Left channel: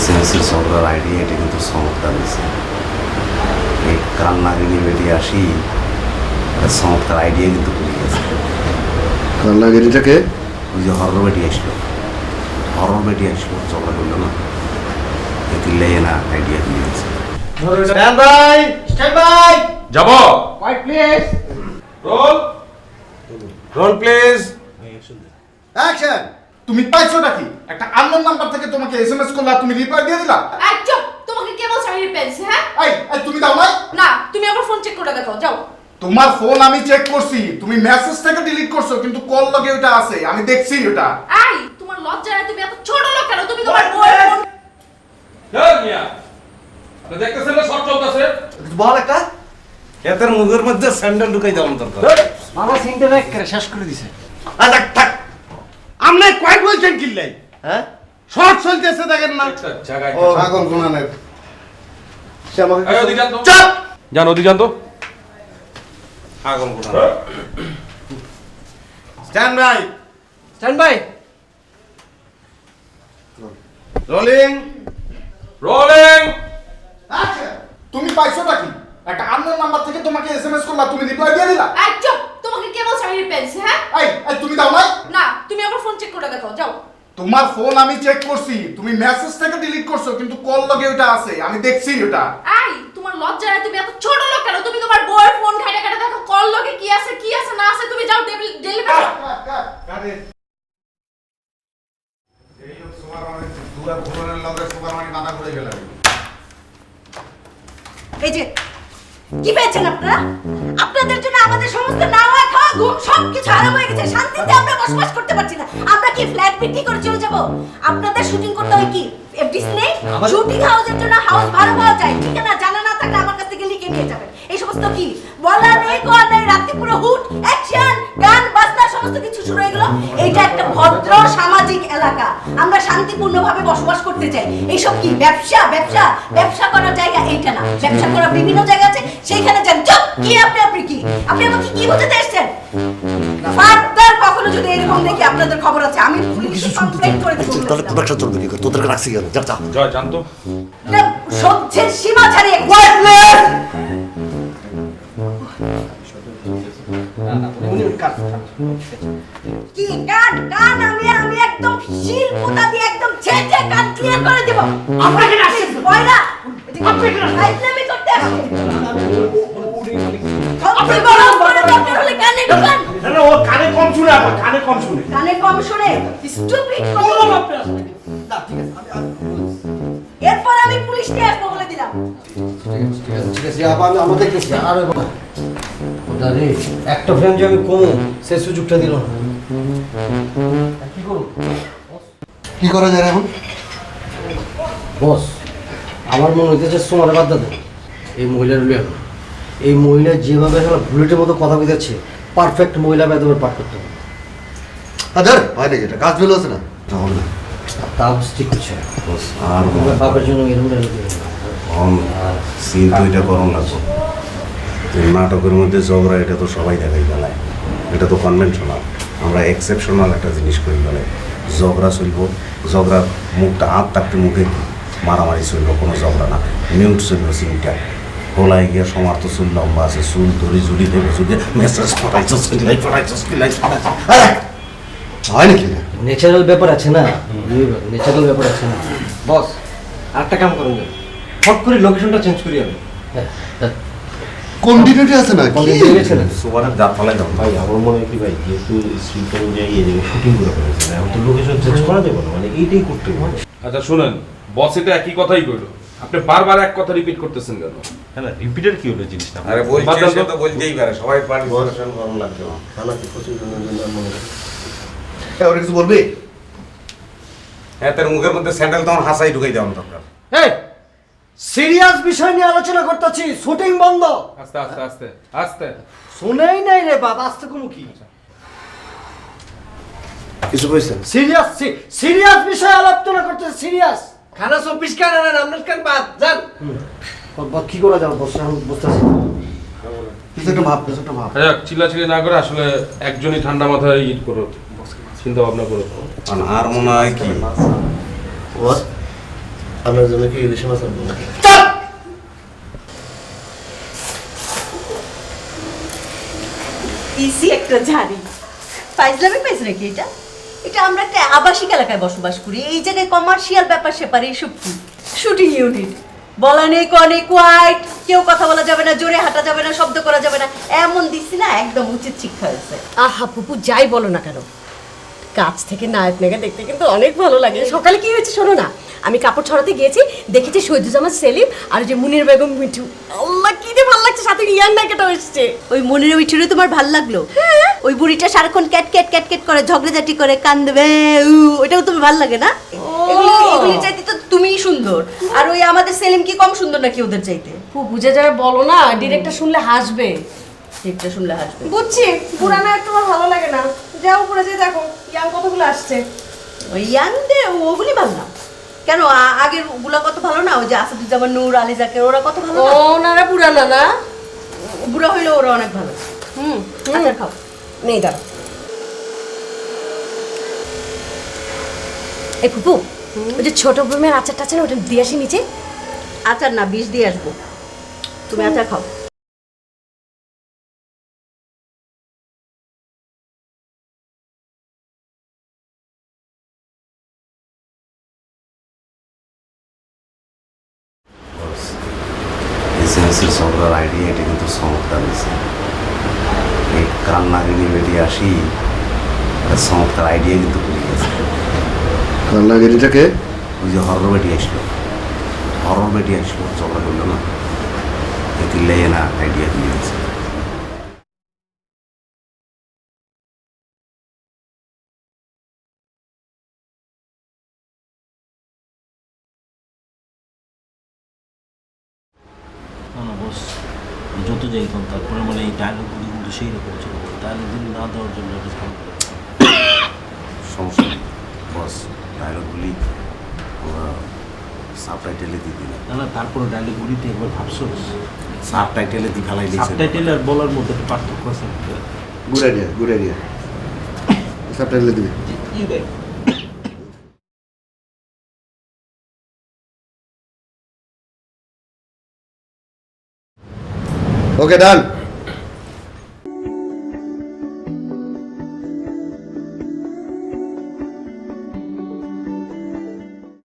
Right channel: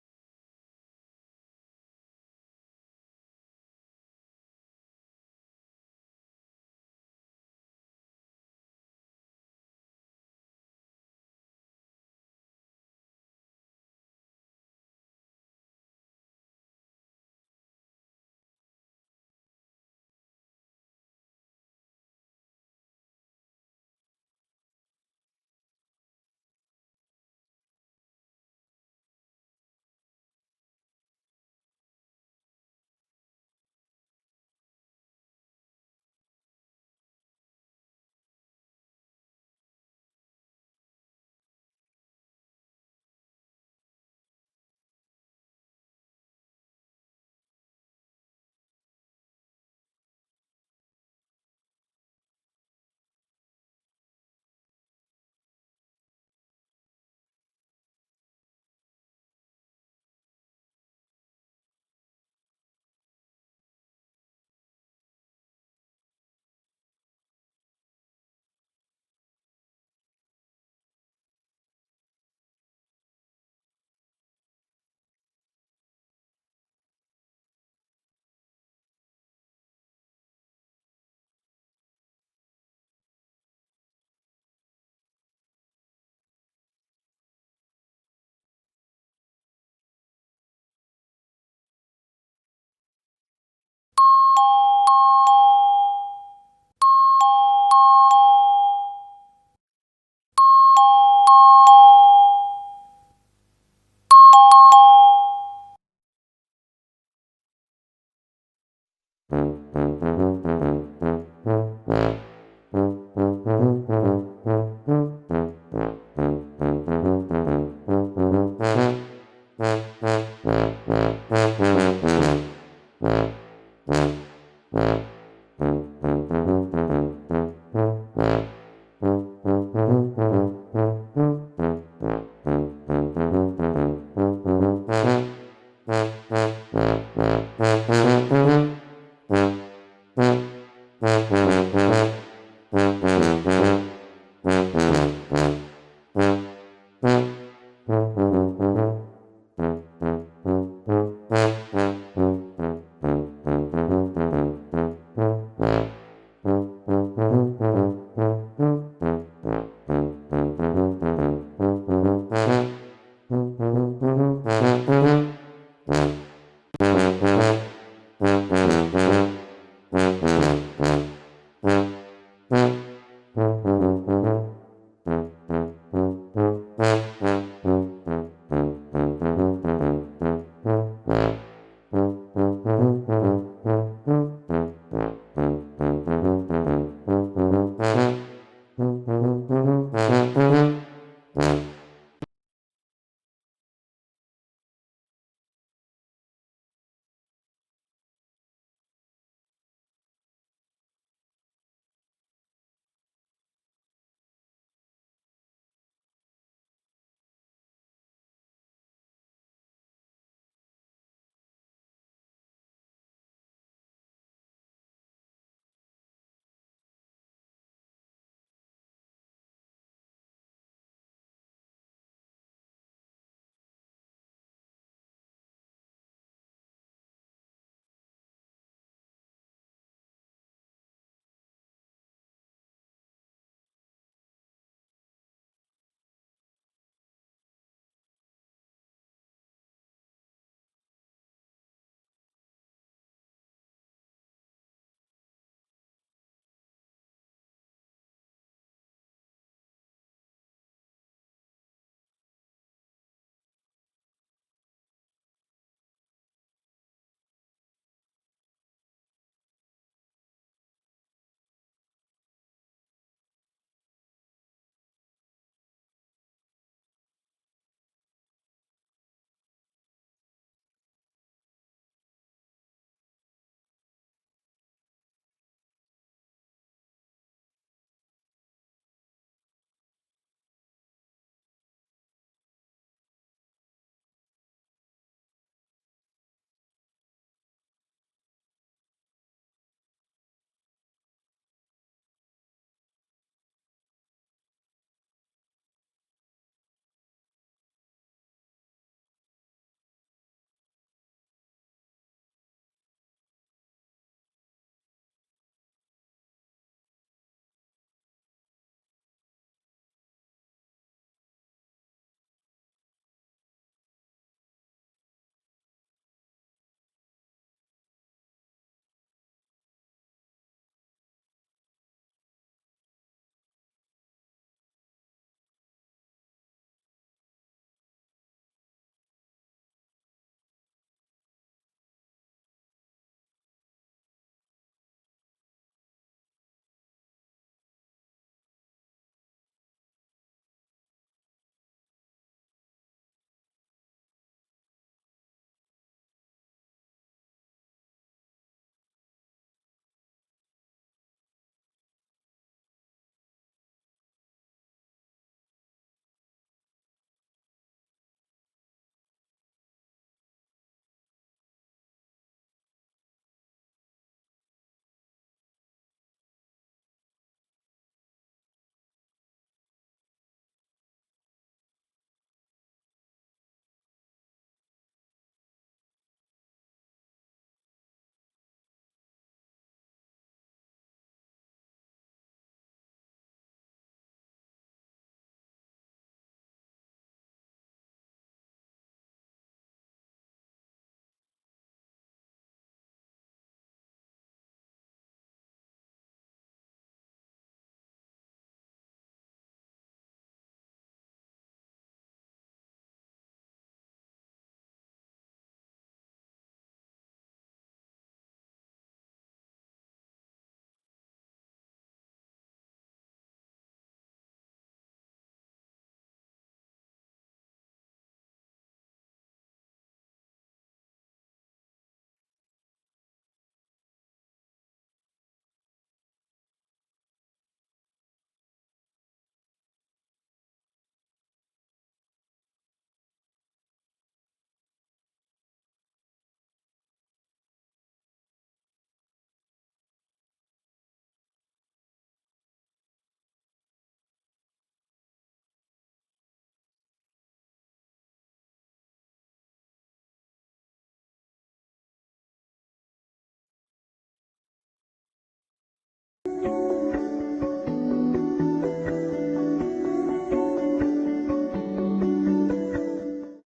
এসএমএসের ঝগড়ার আইডিয়া এটা কিন্তু চমৎকার হয়েছে। এই কান্নাগিনি বেরিয়ে আসি চমৎকার আইডিয়া কিন্তু করে গেছে। কান্নাগিরিটাকে ওই যে হরর বেটি আসলো। হরর বেটি আসলো ঝগড়া করল না? এতিল্লাই না আইডিয়া দিয়ে গেছে। Stand by stand by. যাব। White please roll. Roll please action তুমি পাইছোটা কি? একটা আননোন নাম্বার থেকে তোমাকে এসএমএস করলা তুমি রিপ্লাই দিয়ে দিলা? এই চুপ! তোমাকে কে বলছে আমি পেয়েছি হ্যাঁ? এই এই তুমি দাও নাই? না তুমি আমার ফোন চেক করে দেখো যাও। তোমার ফোন আমি চেক করছি তুমি মেসেজ থেকে ডিলিট করছ কিন্তু কল লগে ওটা আছে আমি দেখছি ওটা এই তোমার লজ্জা নাই তুমি এত ছোট লোক কেন? তুমি তোমার বউয়ের ফোন চল মিয়া। তো দেখতেছেন না শর্ট চলতেছে? বল একটা। এদের মুখের মধ্যে স্যান্ডেল ঢুকাই দেওয়ার দরকার। মামা করে শেষ করে দিছে। আচ্ছা থাক আমনে কয়েক বলছেন কিল্লাই হ্যাঁ? শর্ট চলতেছে দেখেন না। ও পাগল গুনানের সে আমাকে এই ওদিকে যান চাপ! যান ওদিকে যান তো আগুন কোথা stand by. Stand by. Rolling. Rolling. Action তুমি পাইছো কি? একটা আননোন নাম্বার থেকে তোমাকে এসএমএস করলা তুমি রিপ্লাই দিয়ে দিলা। চুপ তোমাকে কে বলছে আমি পেয়েছি হ্যাঁ? এই এই তুমি দাও নাই না তুমি আমার ফোন চেক করে দেখো যাও। তোমার ফোন আমি চেক করছি তুমি মেসেজ থেকে ডিলিট করছ কিন্তু কল লগে ওটা আছে আমি দেখছি ওটা। এই তোমার লজ্জা নাই তুমি এত ছোট লোক কেন? তুমি তোমার বউয়ের ফোন ঘাটে ঘাটে দেখো কল লগে কি আছে কি আছে না আছে তুমি যাও ডেলিভারি এই যে কি পেয়েছেন আপনারা? আপনাদের জন্য আমাদের সমস্ত খাওয়া ঘুম সব কিছু হয়ে গেছে। শান্তিতে আমরা বসবাস করতে পারছি না। আমরা কি ফ্ল্যাট বিক্রি করে চলে যাব? আপনাদের শুটিং করতে হয় কি? ডিসপ্লে শুটিং হাউসের জন্য হাউস ভাড়া পাওয়া যায়। ঠিকানা জানা না থাকলে আমার কাছ থেকে লিখে নিয়ে যাবেন এই সমস্ত কি? বলা নেই কোয়া নেই, রাতে পুরো হুট অ্যাকশন গান, বাজনা, সমস্ত কিছু শুরু হয়ে গেল। এইটা একটা ভদ্র সামাজিক এলাকা। আমরা শান্তিপূর্ণভাবে বসবাস করতে চাই। এইসব কি? ব্যবসা? ব্যবসা? ব্যবসা করার জায়গা এইটা না। ব্যবসা করার বিভিন্ন জায়গা আছে। সেইখানে যান। চুপ! কি আপনি? আপনি কি? আপনি আমাকে কি বোঝাতে এসেছেন? ফার্দার কখনো যদি এরকম দেখি আপনাদের খবর আছে আমি পুলিশে কমপ্লেইন করে দেবো। তাহলে প্রোডাকশন চলবে কি তোদের রাখছি যা যা। জয় জান সহ্যের সীমা ছাড়িয়ে কি গান গান আমি আমি একদম শিল পোতা দিয়ে একদম ছেঁচে গান ক্লিয়ার করে দেব। আপনাকে রাখছি পয়লা আপনাকে রাখছি করতে আসছি আপনি বড় বড় ডক্টর সুযোগটা দিল কি করা যায় এখন বস আমার মনে হইতেছে সোমারে বাদ দেন এই মহিলার এই মহিলা যেভাবে বুলেটের মতো কথা বুঝাচ্ছে পারফেক্ট মহিলা বেদবের পাঠ করতে হবে। আচ্ছা হয় নাকি এটা কাজ বেলো আছে না। না, হবে না। তাও ঠিক না। আর বাপের জন্য এরকম না। সিন তো এটা লাগবে। তো নাটকের মধ্যে ঝগড়া এটা তো সবাই দেখাই বেলায় এটা তো কনভেনশনাল আমরা এক্সেপশনাল একটা জিনিস করি বেলায় ঝগড়া চলব ঝগড়ার মুখটা হাত থাকতে মুখে মারামারি চলব কোনো ঝগড়া না। মিউট চলব সিনটা। হোলাই গিয়ে সমার তো চুল লম্বা আছে চুল ধরি ঝুলি দেবে যদি মেসেজ পড়াইছো কিলাই পড়াইছো কিলাই পড়াইছো হয় নাকি না? ন্যাচারাল ব্যাপার আছে না? ন্যাচারাল ব্যাপার আছে না? বস আরেকটা কাম করুন। ফট করে লোকেশনটা চেঞ্জ করি আমি। হ্যাঁ হ্যাঁ। কন্টিনিউটি আছে না কোন কি দিকে গেছিলেন সুবারের দাঁত ফলাই দাও। ভাই আমার মনে হয় কি ভাই যেহেতু স্ক্রিপ্ট অনুযায়ী এই জায়গায় শুটিং করে ফেলেছে এখন তো লোকেশন চেঞ্জ করা যাবে না মানে এইটাই করতে হবে। আচ্ছা শুনেন বস এটা একই কথাই কইলো। আপনি বারবার এক কথা রিপিট করতেছেন কেন? হ্যাঁ না রিপিটার কি হলো জিনিসটা? আরে বাদ বলছে সে তো। বলতেই পারে সবাই পার্টিসিপেশন করুন লাগবে হয় এ, ওরা কিছু বলবি? হ্যাঁ তোর মুখের মধ্যে স্যান্ডেল তখন হাসাই ঢুকাই দরকার এই সিরিয়াস বিষয় নিয়ে আলোচনা করতেছি শুটিং বন্ধ। আস্তে আস্তে আস্তে আস্তে। শুনেই নাই রে বাবা আসতে কোনো কি? কিছু কইছেন সিরিয়াস সিরিয়াস বিষয় আলোচনা করতেছি সিরিয়াস। খানা চব্বিশ কান আনেন আপনার কান বাদ যান। কি করা যাবে? বসে আমি বুঝতেছি কিছু একটা ভাব কিছু একটা ভাব। আচ্ছা চিল্লাচিল্লি না করে আসলে একজনই ঠান্ডা মাথায় ইট করো চিন্তা ভাবনা করো আর আর মনে হয় কি? আপনার জন্য কি ইলিশ মাছ আনব? ইসি একটা ঝাড়ি। ফাইজলামে পাইছে নাকি এটা? এটা আমরা একটা আবাসিক এলাকায় বসবাস করি। এই জায়গায় কমার্শিয়াল ব্যাপার সেপারে, এইসব কি? শুটিং ইউনিট বলা নেই কনে কোয়াইট কেউ কথা বলা যাবে না, জোরে হাঁটা যাবে না, শব্দ করা যাবে না। এমন দিচ্ছি না একদম উচিত শিক্ষা হয়েছে। আহা পুপু যাই বলো না কেন। কাছ থেকে নায়ক মেঘা দেখতে কিন্তু অনেক ভালো লাগে। সকালে কি হয়েছে শোনো না? আমি কাপড় ছড়াতে গিয়েছি দেখেছি শহীদুজ্জামান সেলিম আর যে মুনির বেগম মিঠু। আল্লাহ কি যে ভালো লাগছে সাথে ইয়াং নায়িকাটা এসছে। ওই মুনির মিঠুরে তোমার ভালো লাগল? ওই বুড়িটা সারাক্ষণ ক্যাট ক্যাট ক্যাট ক্যাট করে ঝগড়াঝাটি করে কান্দবে ওটাও তুমি ভালো লাগে না? এগুলি চাইতে তো তুমিই সুন্দর। আর ওই আমাদের সেলিম কি কম সুন্দর নাকি ওদের চাইতে? পুপু যে যারা বলো না ডিরেক্টর শুনলে হাসবে। ঠিকটা শুনলে হাসবে। বুঝছি পুরানো একটু ভালো লাগে না। যাও উপরে যে দেখো। ইয়াং কতগুলো আসছে? ওই ইয়াংদে ওগুলি ভালো না। কেন আগের ওগুলা কত ভালো না? ওই যে আসাদুজ্জামান নূর আলী জাকের ওরা কত ভালো না? ওনারা পুরানো না বুড়া হইলে ওরা অনেক ভালো। হুম আচ্ছা খাও। নেই দাঁড়া এই ফুপু ওই যে ছোট বইমের আচারটা আছে না ওটা দিয়ে আসি নিচে? আচার না বিষ দিয়ে আসব। তুমি আচার খাও। এসএমএসের ঝগড়ার আইডিয়া এটি কিন্তু চমৎকার হয়েছে। এই কান বেটি আসি চমৎকার আইডিয়া কিন্তু করে গেছে। কান্নাগিরিটাকে ওই যে হরর বেটি আসলো। হরর বেটি আসলো ঝগড়া করল না? এতিল্লাই না আইডিয়া দিয়ে গেছে যত যাই কোন তারপরে মানে এই ডায়লগগুলো কিন্তু সেই রকম ছিল। ডায়লগ দিন না দেওয়ার জন্য একটা। সমস্যা বস ডায়লগগুলি আমরা সাব টাইটেলে দিয়ে দিলাম। না না তারপরে ডায়লগগুলিতে একবার ভাবছোস সাব টাইটেলে দিয়ে ফেলাই দিয়েছে সাবটাইটেল আর বলার মধ্যে একটা পার্থক্য আছে। গুড আইডিয়া গুড আইডিয়া সাবটাইটেলে দিবি ইউ দেখ। Okay don